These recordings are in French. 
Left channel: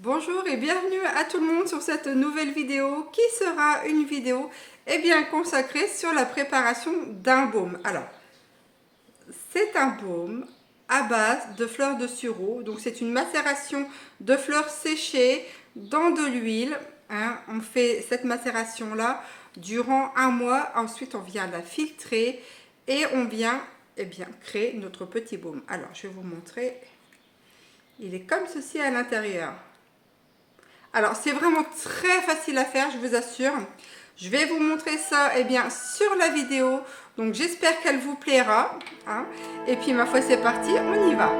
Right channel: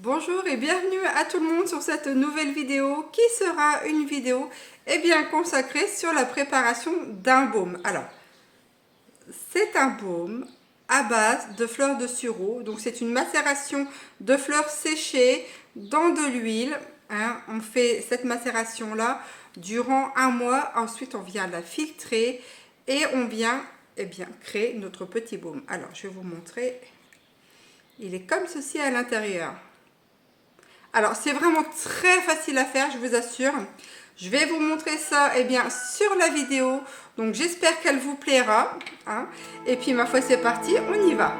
Bonjour et bienvenue à tout le monde sur cette nouvelle vidéo qui sera une vidéo consacrée sur la préparation d'un baume. Alors, c'est un baume à base de fleurs de sureau. Donc, c'est une macération de fleurs séchées dans de l'huile. On fait cette macération-là durant un mois. Ensuite, on vient la filtrer et on vient créer notre petit baume. Alors, je vais vous montrer. Il est comme ceci à l'intérieur. Alors, c'est vraiment très facile à faire, je vous assure. Je vais vous montrer ça sur la vidéo. Donc, j'espère qu'elle vous plaira. Et puis, ma foi, c'est parti, on y va.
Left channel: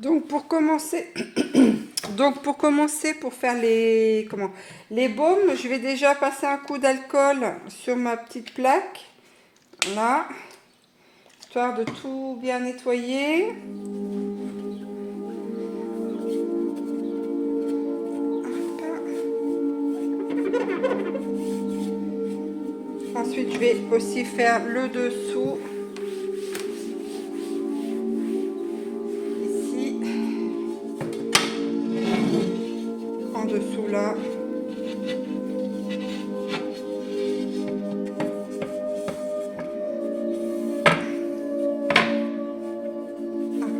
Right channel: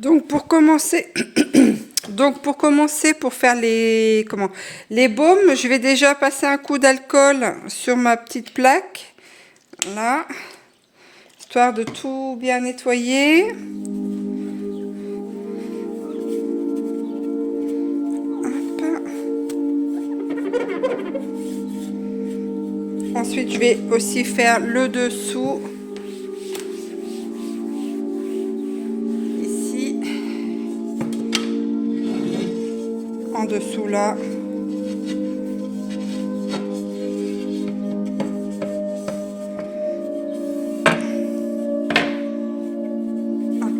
Donc pour commencer, pour faire les baumes, je vais déjà passer un coup d'alcool sur ma petite plaque, là, histoire de tout bien nettoyer. Hop. Ensuite, je vais aussi faire le dessous. En dessous là. Hop,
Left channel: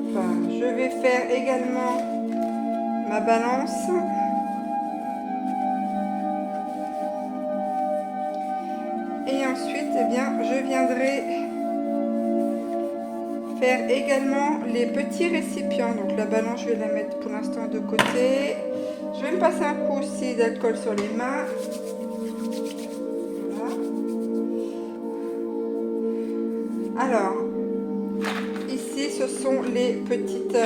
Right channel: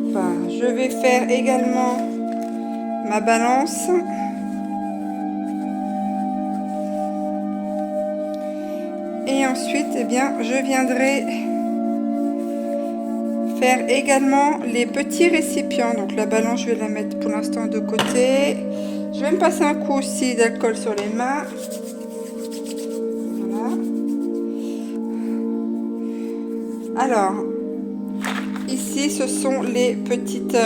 je vais faire également ma balance. Et ensuite, eh bien, je viendrai faire également les petits récipients. Donc la balance, je vais la mettre pour l'instant de côté. Je vais me passer un coup aussi d'alcool sur les mains. Voilà. Alors, ici, ce sont les petites...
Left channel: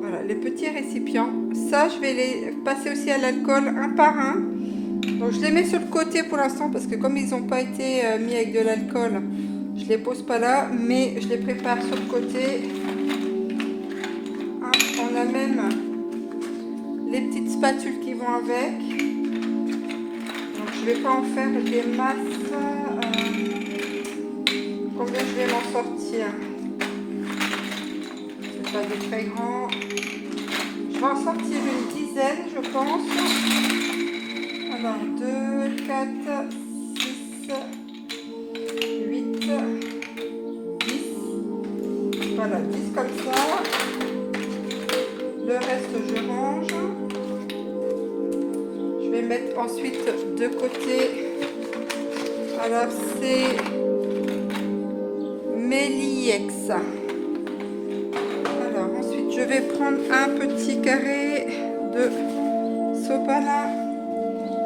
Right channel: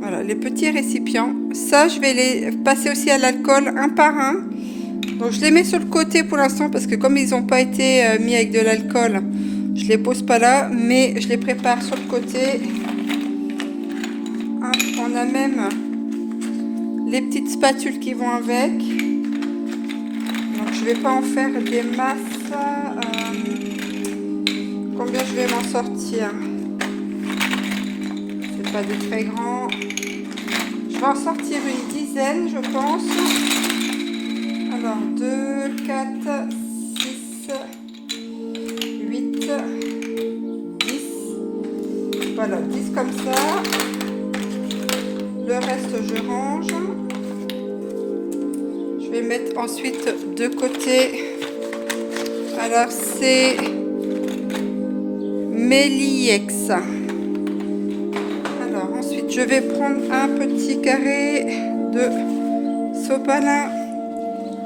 voilà, les petits récipients. Ça, je vais les passer aussi à l'alcool un par un. Donc, je les mets sur le côté pour l'instant parce que comme ils n'ont pas été mis avec de l'alcool, je les pose pas là, mais je les prépare sur le côté. Hop, on a même les petites spatules qui vont avec. Donc, je vais pas en faire des masses. Combien je vais m'en sortir? C'est pas des très grands. Je vais en sortir une dizaine, je pense. Alors, 2, 4, 6, 8, 10. Voilà, 10 comme ça. Le reste, je range. Je vais mettre ensuite de côté. Alors, c'est Meliex. Alors, ensuite, je vais prendre un petit carré de sopalin.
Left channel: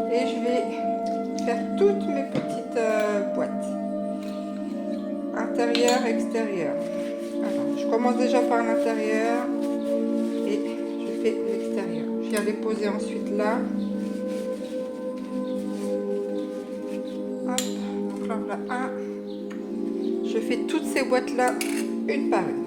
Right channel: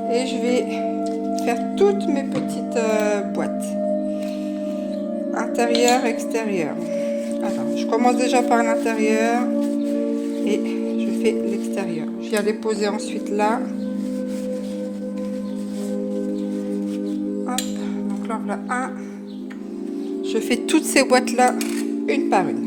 Et je vais faire toutes mes petites boîtes. Intérieur, extérieur. Alors, je commence déjà par l'intérieur. Et je fais l'extérieur. Je viens les poser ensuite là. Hop, donc là, voilà un. Je fais toutes ces boîtes là, une par une.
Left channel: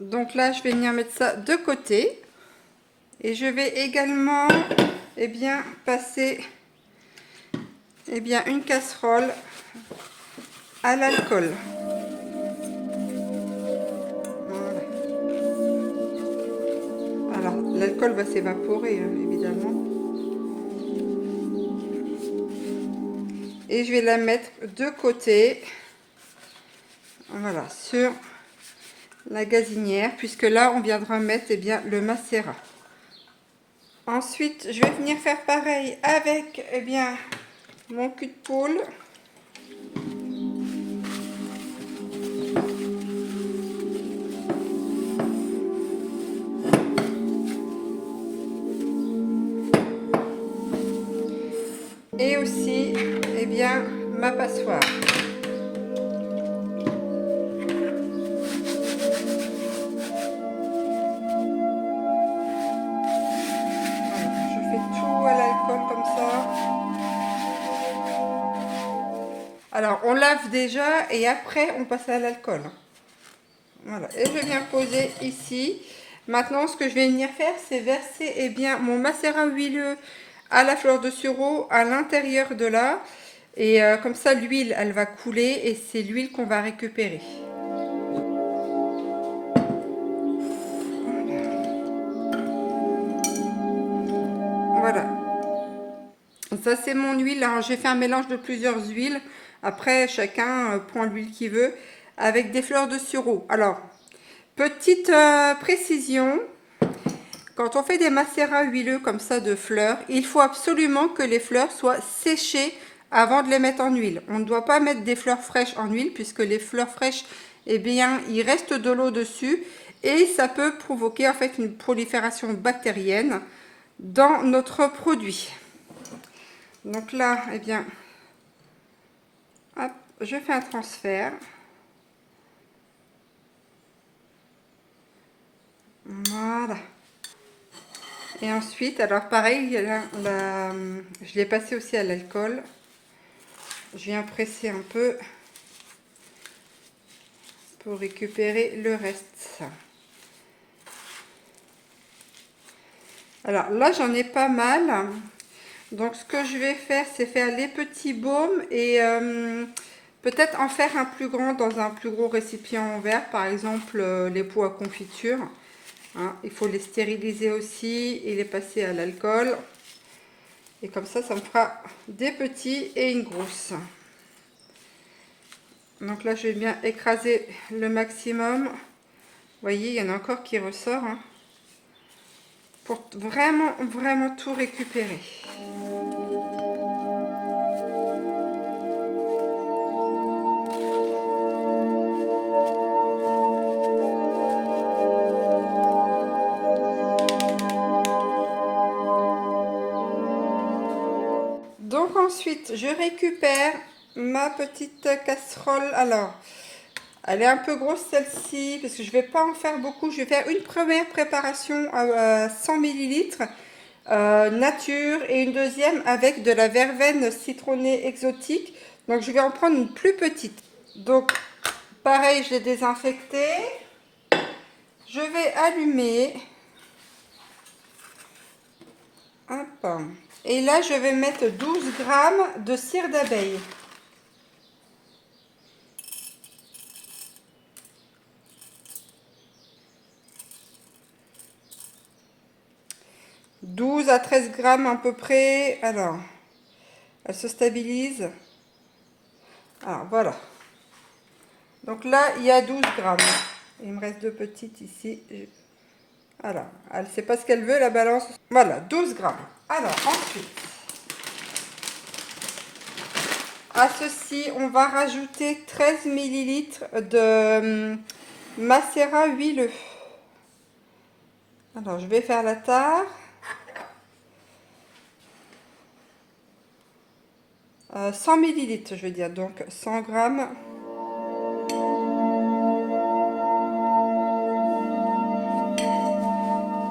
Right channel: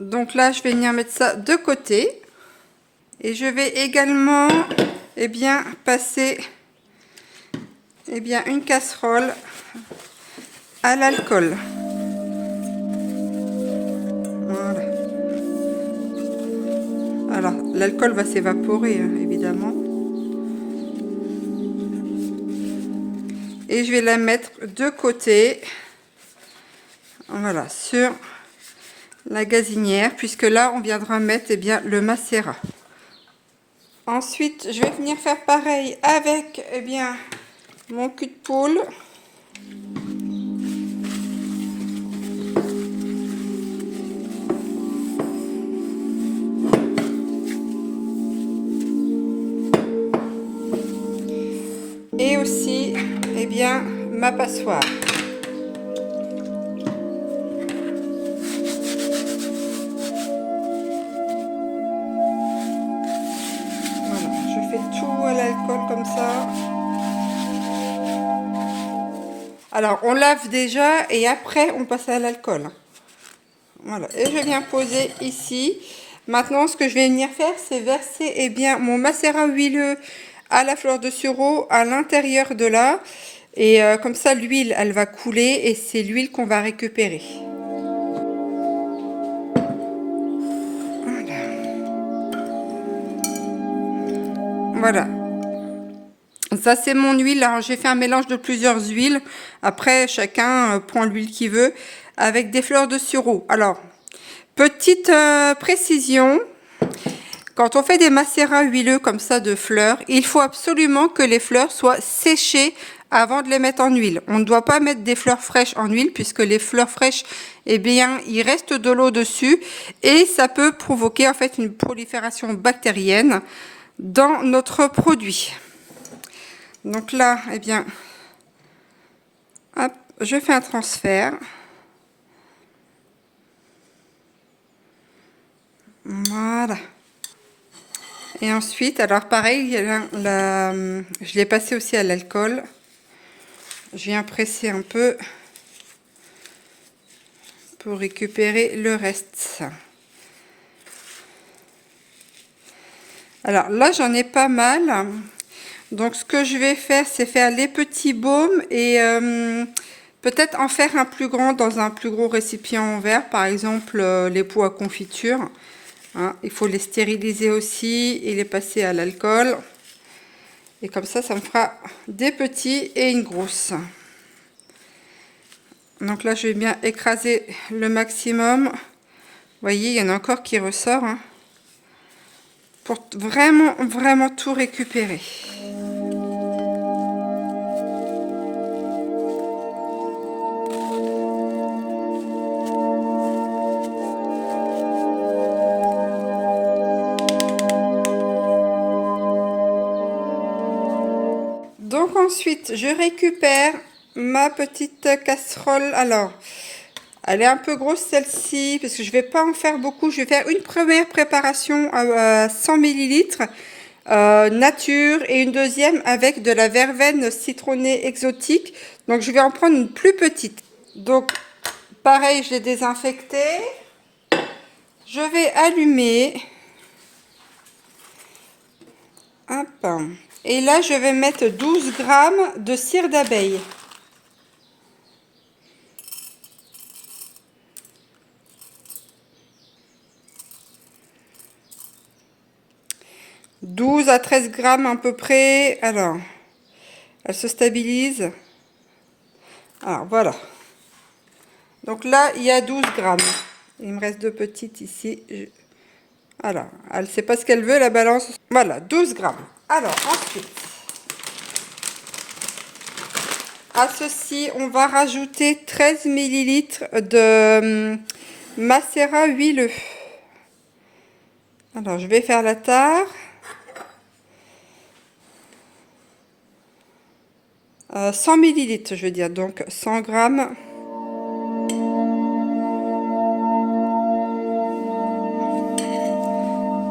Donc là, je vais venir mettre ça de côté. Et je vais également passer une casserole à l'alcool. Voilà. Alors, l'alcool va s'évaporer, évidemment. Et je vais la mettre de côté. Voilà, sur la gazinière, puisque là, on viendra mettre le macérat. Ensuite, je vais venir faire pareil avec mon cul de poule. Et aussi, ma passoire. Comme ça. Alors on lave déjà et après on passe à l'alcool. Voilà, et je viens poser ici. Maintenant ce que je vais venir faire, c'est verser mon macérat huileux à la fleur de sureau à l'intérieur de là. Et comme ça l'huile elle va couler et c'est l'huile qu'on va récupérer. Ça, c'est mon huile. Alors, j'ai fait un mélange de plusieurs huiles. Après, chacun prend l'huile qu'il veut avec des fleurs de sureau. Alors, petite précision. Quand on fait des macérats huileux comme ça de fleurs, il faut absolument que les fleurs soient séchées avant de les mettre en huile. On ne doit pas mettre des fleurs fraîches en huile puisque les fleurs fraîches, eh bien, il reste de l'eau dessus et ça peut provoquer en fait une prolifération bactérienne dans notre produit. Donc là, eh bien, hop, je fais un transfert. Voilà. Et ensuite, alors pareil, je l'ai passé aussi à l'alcool. Je viens presser un peu pour récupérer le reste. Alors là, j'en ai pas mal. Donc ce que je vais faire, c'est faire les petits baumes et peut-être en faire un plus grand dans un plus gros récipient en verre. Par exemple, les pots à confiture. Hein, il faut les stériliser aussi et les passer à l'alcool. Et comme ça me fera des petits et une grosse. Donc là, je vais bien écraser le maximum. Vous voyez, il y en a encore qui ressort. Hein, pour vraiment tout récupérer. Donc ensuite, je récupère ma petite casserole. Alors, elle est un peu grosse celle-ci, parce que je ne vais pas en faire beaucoup. Je vais faire une première préparation à 100 ml nature et une deuxième avec de la verveine citronnée exotique. Donc, je vais en prendre une plus petite. Donc, pareil, je l'ai désinfecté. Je vais allumer. Hop. Et là, je vais mettre 12 grammes de cire d'abeille. « 12 à 13 grammes à peu près. » Alors, elle se stabilise. Alors, voilà. Donc là, il y a 12 grammes. Il me reste deux petites ici. Alors, elle ne sait pas ce qu'elle veut, la balance. Voilà, 12 grammes. Alors, ensuite, à ceci, on va rajouter 13 millilitres de macérat huileux. Alors, je vais faire la tare. 100 millilitres, je veux dire, donc 100 grammes.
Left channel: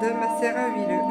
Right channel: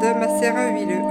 De macérat huileux.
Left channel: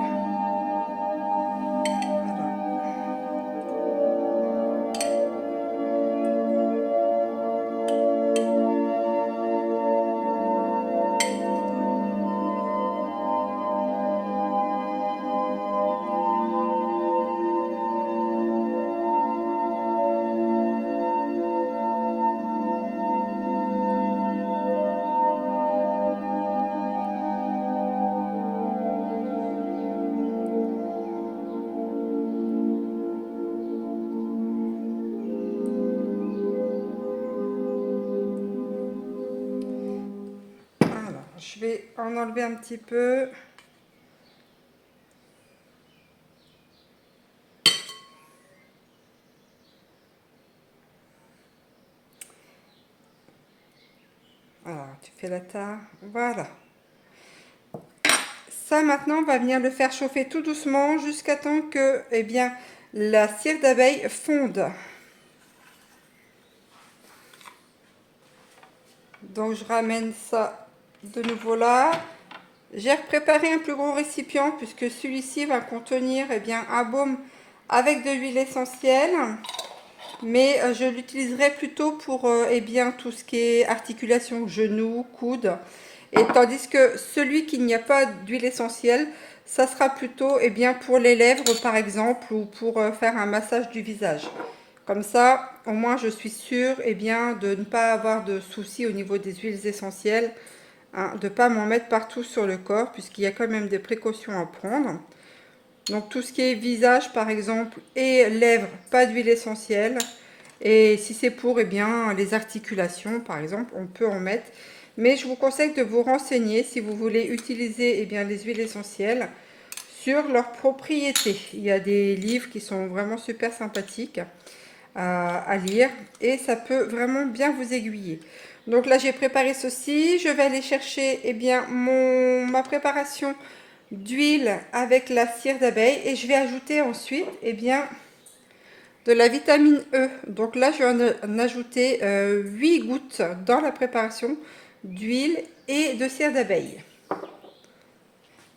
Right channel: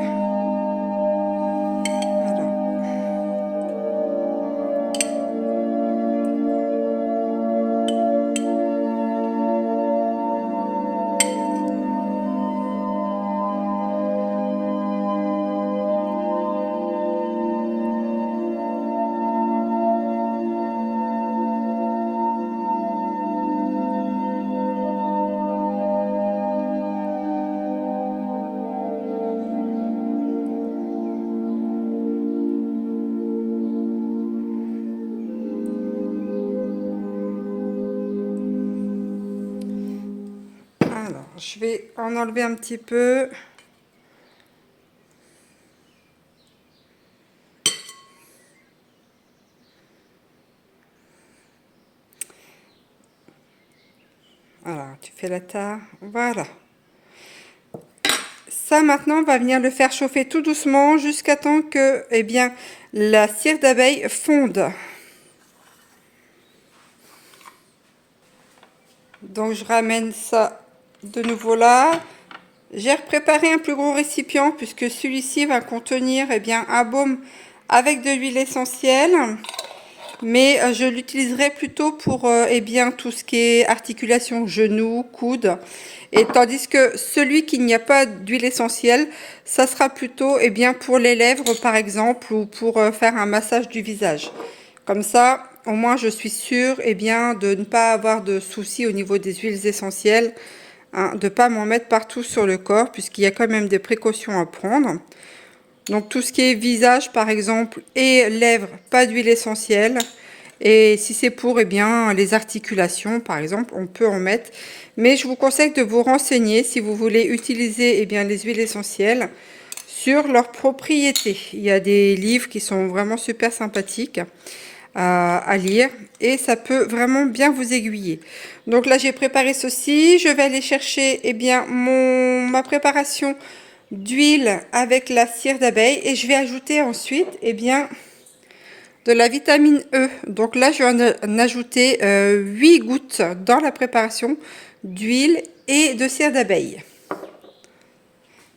Je vais en enlever un petit peu. Alors, tu fais la tare. Voilà. Ça, maintenant, on va venir le faire chauffer tout doucement jusqu'à temps que, eh bien, la cire d'abeille fonde. Donc, je ramène ça de nouveau là. J'ai préparé un plus gros récipient puisque celui-ci va contenir eh bien, un baume avec de l'huile essentielle. Mais je l'utiliserai plutôt pour eh bien, tout ce qui est articulation, genoux, coudes. Et tandis que celui qui n'y a pas d'huile essentielle, ça sera plutôt eh bien, pour les lèvres par exemple ou pour faire un massage du visage. Comme ça, au moins je suis sûre eh bien, de ne pas avoir de soucis au niveau des huiles essentielles. Hein, de ne pas m'en mettre partout sur le corps puisqu'il y a quand même des précautions à prendre. Donc tout ce qui est visage par exemple et lèvres, pas d'huile essentielle. Et si c'est pour eh bien, les articulations par exemple, on peut en mettre. Mais je vous conseille de vous renseigner si vous voulez utiliser eh bien, les huiles essentielles sur leurs propriétés. Il y a des livres qui sont vraiment super sympathiques à lire et ça peut vraiment bien vous aiguiller. Donc là j'ai préparé ceci, je vais aller chercher eh bien, ma préparation d'huile avec la cire d'abeille et je vais ajouter ensuite eh bien, de la vitamine E. Donc là je vais en ajouter 8 gouttes dans la préparation d'huile et de cire d'abeille.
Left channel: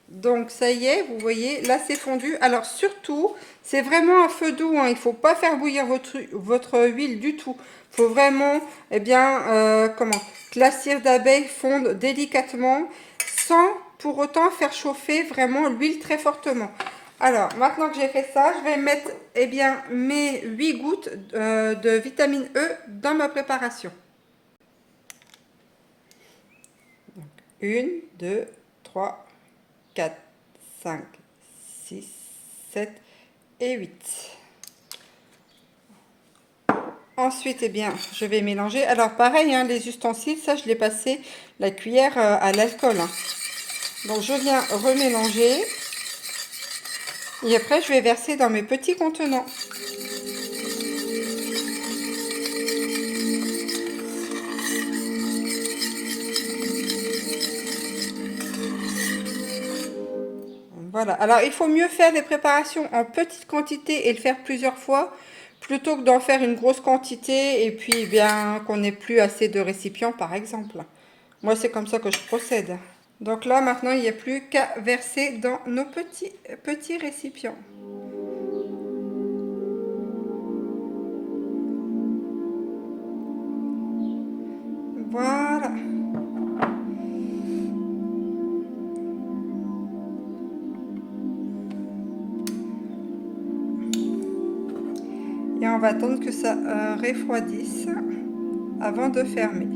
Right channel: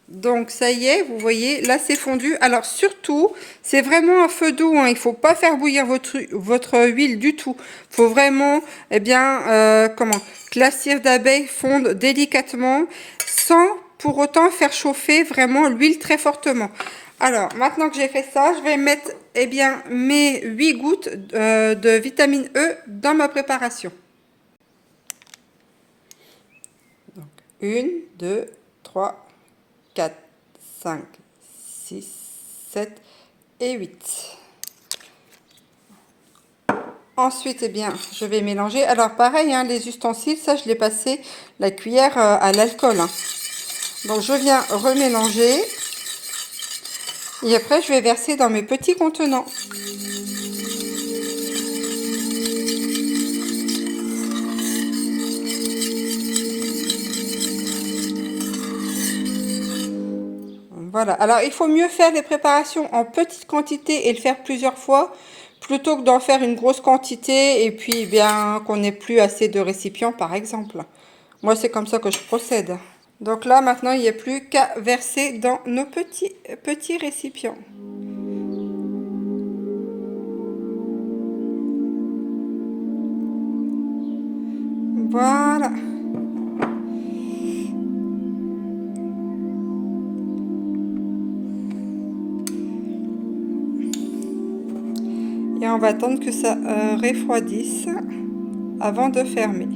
Donc ça y est, vous voyez, là c'est fondu. Alors surtout, c'est vraiment à feu doux, hein. Il ne faut pas faire bouillir votre huile du tout. Il faut vraiment, eh bien, que la cire d'abeille fonde délicatement sans pour autant faire chauffer vraiment l'huile très fortement. Alors maintenant que j'ai fait ça, je vais mettre eh bien, mes 8 gouttes de vitamine E dans ma préparation. Donc, 1, 2, 3, 4, 5, 6, 7 et 8. Ensuite, eh bien, je vais mélanger. Alors, pareil, hein, les ustensiles, ça, je l'ai passé la cuillère à l'alcool. Hein. Donc, je viens remélanger. Et après, je vais verser dans mes petits contenants. Voilà. Alors, il faut mieux faire les préparations en petite quantité et le faire plusieurs fois plutôt que d'en faire une grosse quantité et puis bien qu'on n'ait plus assez de récipients, par exemple. Moi, c'est comme ça que je procède. Donc là, maintenant, il n'y a plus qu'à verser dans nos petits récipients. Voilà. Et on va attendre que ça refroidisse avant de fermer.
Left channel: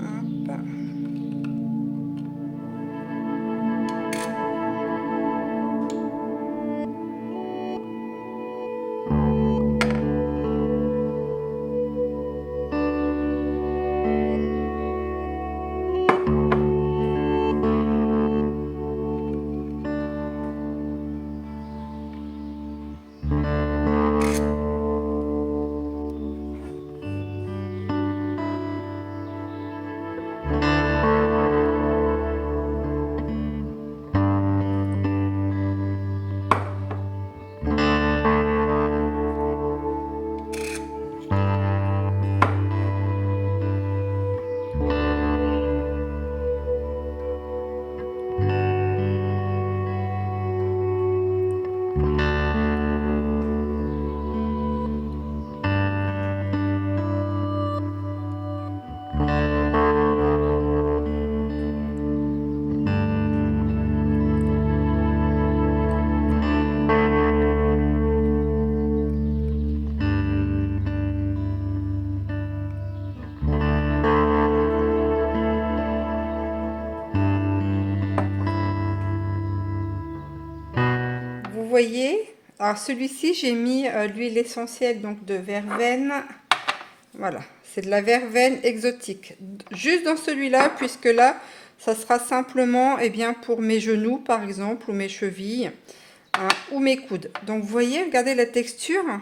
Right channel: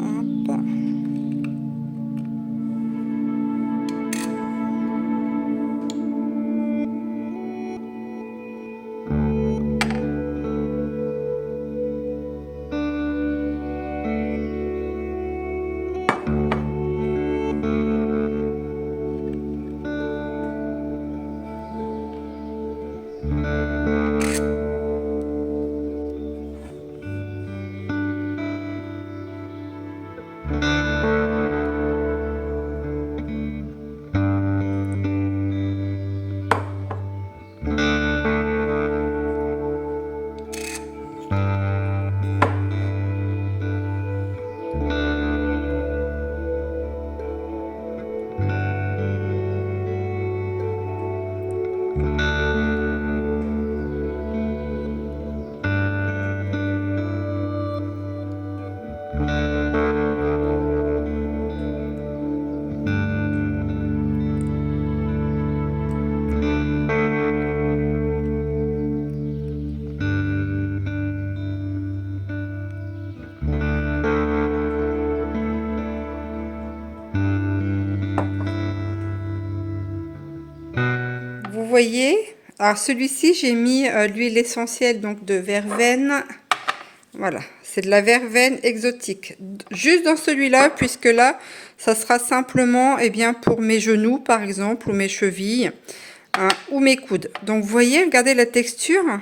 Hop. Vous voyez, alors celui-ci, j'ai mis l'huile essentielle donc de verveine. Voilà, c'est de la verveine exotique. Juste dans celui-là, puisque là, ça sera simplement eh bien, pour mes genoux, par exemple, ou mes chevilles, hein, ou mes coudes. Donc, vous voyez, regardez la texture.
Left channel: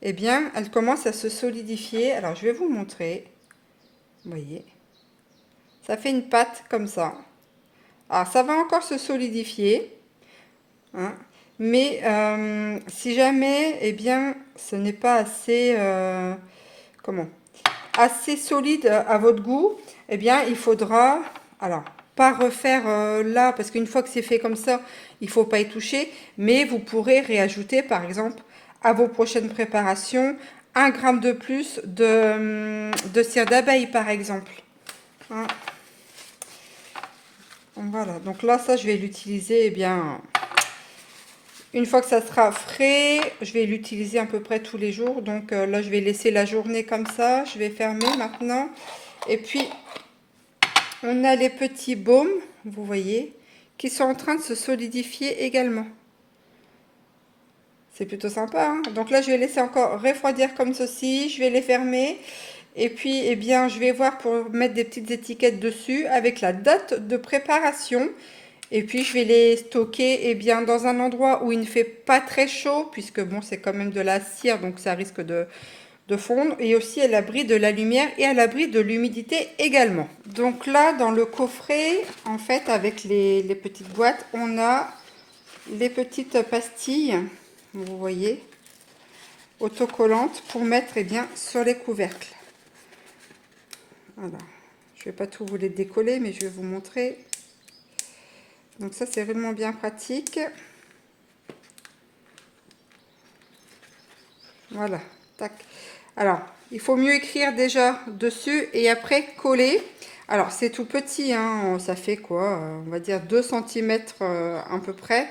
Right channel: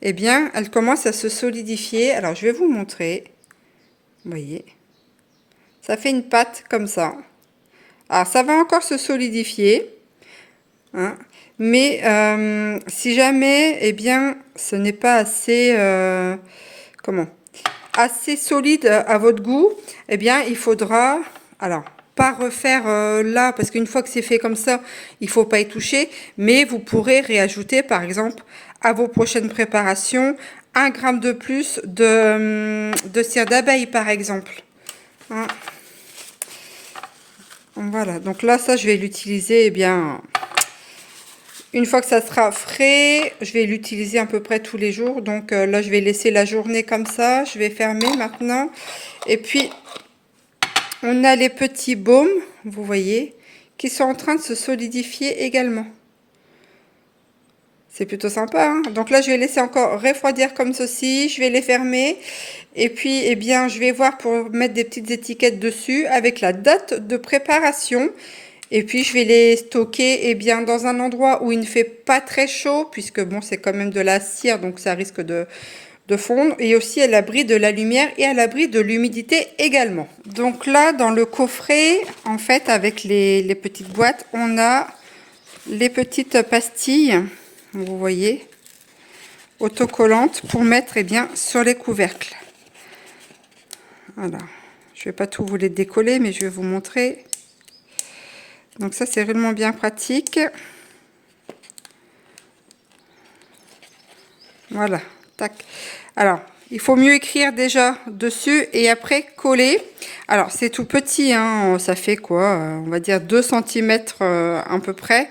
Eh bien, elle commence à se solidifier. Alors, je vais vous montrer. Vous voyez, ça fait une pâte comme ça. Alors, ça va encore se solidifier. Hein, mais si jamais, eh bien, ce n'est pas assez... assez solide à votre goût, eh bien il faudra, alors pas refaire là, parce qu'une fois que c'est fait comme ça, il faut pas y toucher, mais vous pourrez réajouter par exemple à vos prochaines préparations 1 gramme de plus de cire d'abeille par exemple. Hein. Voilà, donc là ça je vais l'utiliser eh bien Une fois que ça sera frais, je vais l'utiliser à peu près tous les jours. Donc là, je vais laisser la journée comme ça. Je vais fermer maintenant. Et puis, on a les petits baumes, vous voyez, qui sont en train de se solidifier également. C'est plutôt sympa, hein. Donc là, je vais laisser encore refroidir comme ceci. Je vais les fermer. Et puis, eh bien, je vais voir pour mettre des petites étiquettes dessus avec la date de préparation. Et puis, je vais les stocker eh bien, dans un endroit où il ne fait pas très chaud, puisque bon, c'est quand même de la cire, donc ça risque de fondre. Et aussi à l'abri de la lumière et à l'abri de l'humidité également. Donc là, dans le coffret, en fait, avec les petites boîtes, on a les petites pastilles, vous voyez, autocollantes pour mettre eh bien, sur les couvercles. Voilà. Je ne vais pas tout vous les décoller, mais je vais vous montrer. Donc ça, c'est réellement bien pratique. Voilà, tac. Alors, il faut mieux écrire déjà dessus et après coller. Alors, c'est tout petit, hein, ça fait quoi? On va dire 2 cm à peu près.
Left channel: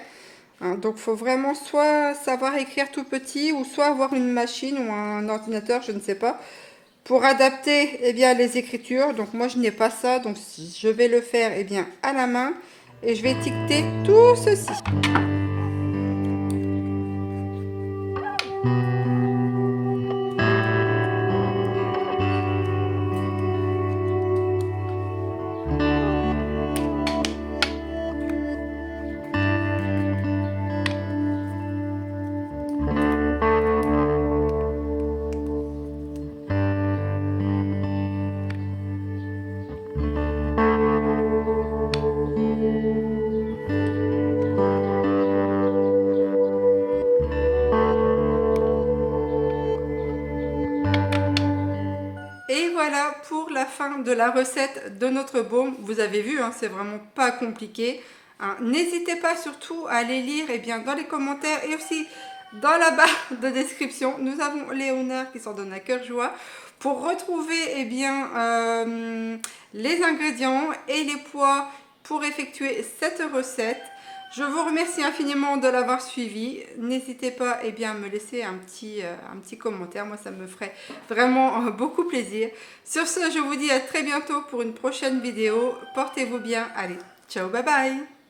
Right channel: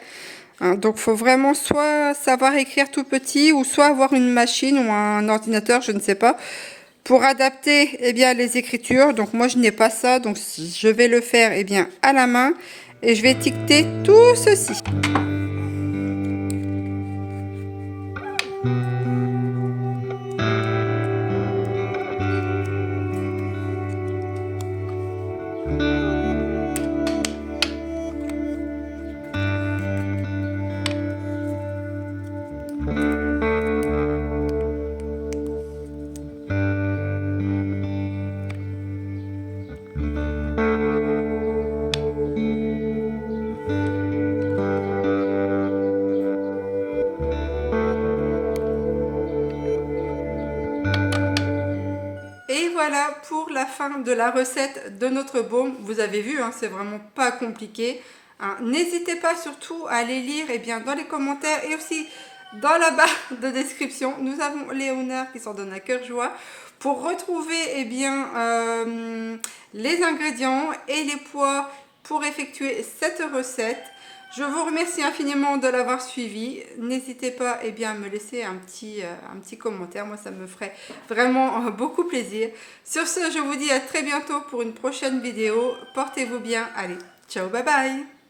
Hein, donc, il faut vraiment soit savoir écrire tout petit ou soit avoir une machine ou un ordinateur, je ne sais pas, pour adapter eh bien, les écritures. Donc, moi, je n'ai pas ça, donc je vais le faire eh bien, à la main et je vais étiqueter tout ceci. Et voilà pour la fin de la recette de notre baume. Vous avez vu, hein, c'est vraiment pas compliqué. Hein. N'hésitez pas surtout à aller lire eh bien, dans les commentaires et aussi dans la barre de description. Nous avons Léonard qui s'en donne à cœur joie pour retrouver eh bien, les ingrédients et les poids pour effectuer cette recette. Je vous remercie infiniment de l'avoir suivi. N'hésitez pas eh bien, à me laisser un petit commentaire. Moi, ça me ferait vraiment beaucoup plaisir. Sur ce, je vous dis à très bientôt pour une prochaine vidéo. Portez-vous bien. Allez, ciao, bye bye.